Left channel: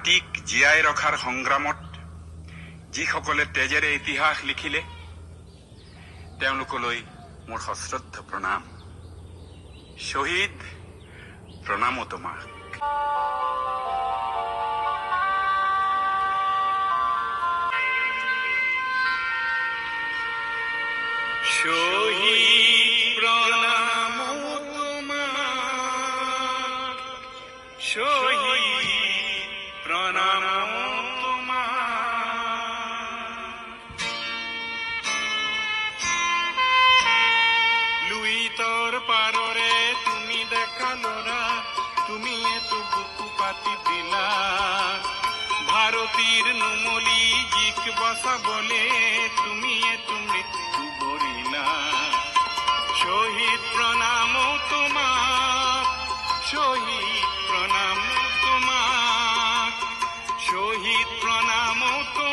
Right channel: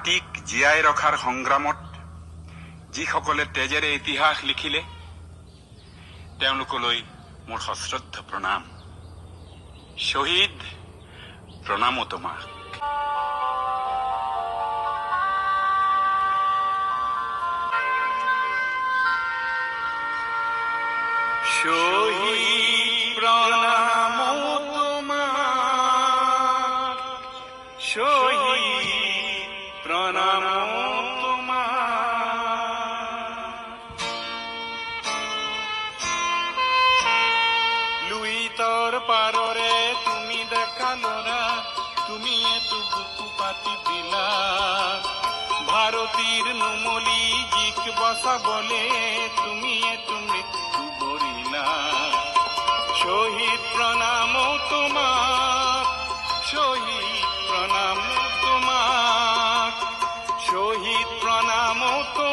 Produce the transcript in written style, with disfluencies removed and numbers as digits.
জাতিক জীয়াই ৰখাৰ সংগ্ৰামত যিসকলে তেজেৰে ইতিহাস লিখিলে তেওঁলোকলৈ মোৰ সশ্ৰদ্ধ প্ৰণাম। শ্বহীদ, প্ৰণামো তোমাক। শহীদ, প্ৰণামো তোমাক। শহীদ, প্ৰণামো তোমাক। লুইতৰ পাৰৰে তুমি দেখা লৰা, তুমি এটো বুকু পাতি দিলা। ভাৰতীৰ নুমলী জিক বচাবলে তুমি এটো মৃত্যু বৰিলা। শহীদ, প্ৰণামো তোমাক। শহীদ, প্ৰণামো তোমাক। শহীদ, প্ৰণামো তোমাক।